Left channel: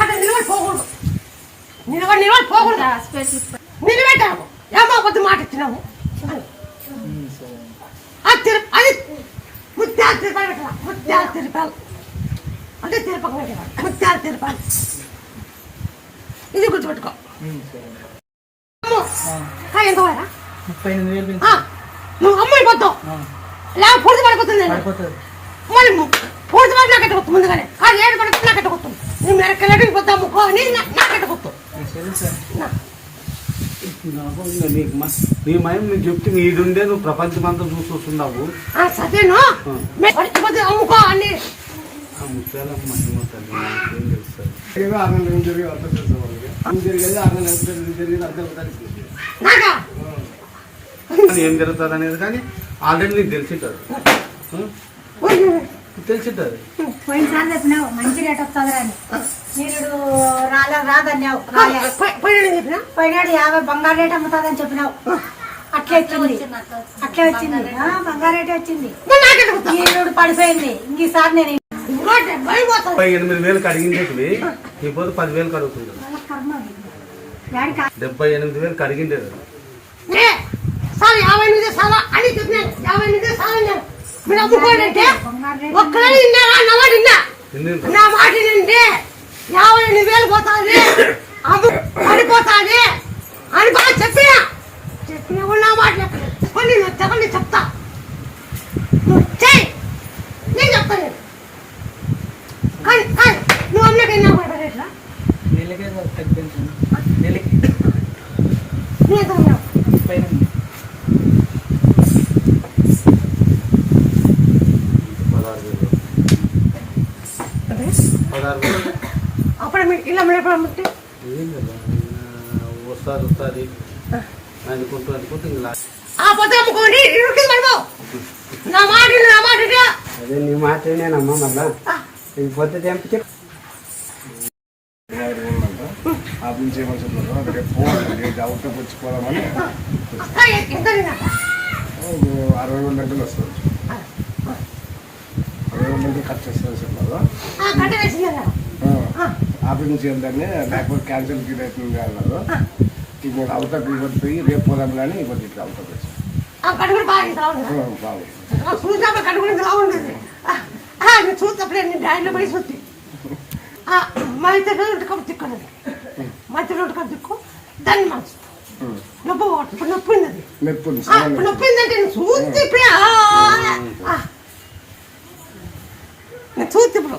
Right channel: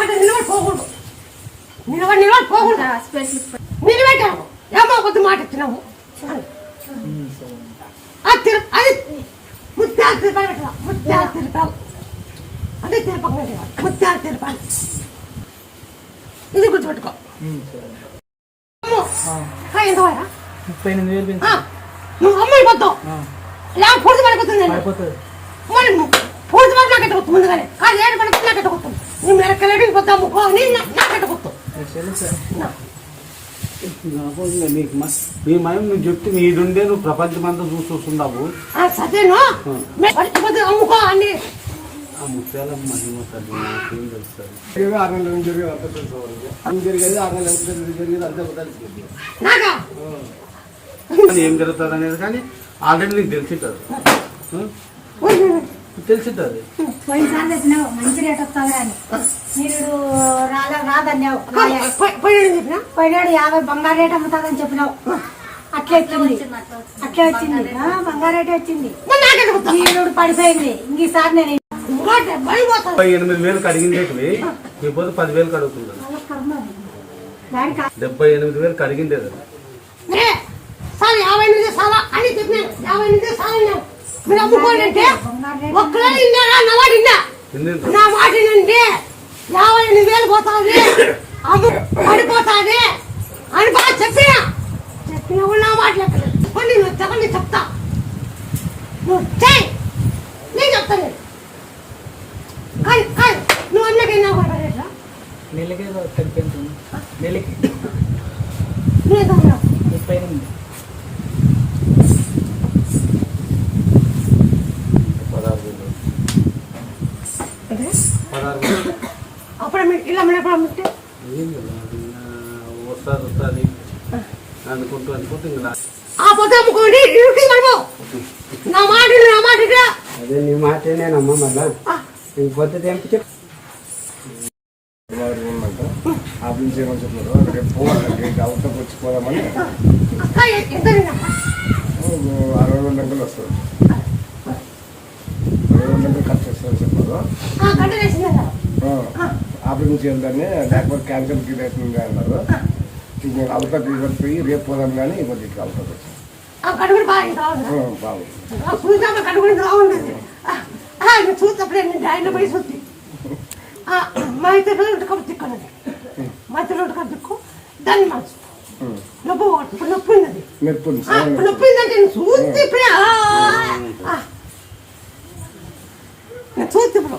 అట్లా నిలబడి పోకూడదు. నిలబడి పోకూడదు. నిలబెట్టాము ఏమో కొద్ది మాట ఇచ్చినాము. అది ముత్యాలు తిరపాలి. ముత్యాలు తిరపాలి అంటే తిరపక ముత్యాలు తిరపాలి. ఇది గుర్తుపెట్టుకో. ఎంత 38,000 నువ్వు అమ్మాయి పోతావు లేక పూర్తి పడిపోతుంది. మరి పూర్తి పడి నాకు ఎట్టకొచ్చు ముందుగానే కానీ 7 పడిపోతే నాకు ఎట్టకొస్తుంది. నువ్వు మెరకెళ్ళి పోతావు అని నాకు ఎట్టకొస్తావు. నీ మయం నువ్వు చెప్తే ఇది ఉండే నువ్వు ప్రపంచం అంతా చూస్తున్నావు. సరేను అమ్ముకో అని ముత్యాలమ్మ ఏం తెలుస్తుంది. ఏం జరుగుతుంది అనేది కానీ ఆల్రెడీ నీకు తెలిసింటది. తెలిసింటది. పోయినసారి చెప్పినావు మంచి రేట్ వస్తుంది అని మీరు రాదన్నావు. పోయినాడు 50 బంగారు రేట్ అమ్ముతుందని చెప్పినావు. అట్లే వచ్చింది బంగారు రేట్ వచ్చింది. ఈరోడు పడిపోయింది. ఇంకసారి నేను 78,000 అడిగిండేది ఇప్పుడు 10,000 అడుగుతుంది. 78,000 అడిగిండేది. 58 సాలా అని చెప్పిన 58 సాలా మీరు అమ్ముకోనంటే ఒక్కడే ఇన్నాగా నవాడిన్నా నా మాట అంటే 58,000 పోతుంది పడిపోతుంది అని బాగా చెప్పినా నా మాట కొన్ని చెప్పండి చెప్తా. నువ్వు చెయ్యి నేను చెప్తాను. కానీ కానీ నువ్వు అన్నకైనా మాట రేట్లా నెలకి తగ్గిపోయింది. నెలకి నువ్వు ఎంత ఉన్నావు? 38. 16,000 అప్పుడు మీరు ఇలా ఎప్పుడు అమ్ముతే వస్తుంది అనుకుంటూ ఇలా ఆ పొద్దు అమ్ముకోండి. ఇరుకు పడిపో. నా మాట అదే నీ మాట నేనమ్మా మళ్ళా ఈ పొద్దు తెంపితే ఆఫీస్ చేయమని చెప్తున్నారు. అక్కడికి పోవాలి అవుట్లోకి వచ్చి పోదామని 60,000 గంటలు వస్తుంది. 60,000 గంటలు ఖర్చు వస్తుందని చెప్పారు. ఆఫీస్ నుంచి వెళ్తానే లేకపోతే క్యాన్సిల్ అవుతుంది అన్నారు. నేను అవుట్లోకి ఇవ్వదు పోయి రేపు పోదాం కానీ ఇవ్వదు ఇట్లా అవుట్లోకి వచ్చి బాగుంది. చూసినప్పుడు డాడీలో పోయి చూసి మధ్య కప్పు తిక్కున్నది. మధ్య రోడ్డు కప్పు తిక్కు దాన్ని మంచి నొప్పి నొప్పింది. నొప్పిందంటే చూస్తే ఇప్పుడు చూస్తే ఇప్పుడు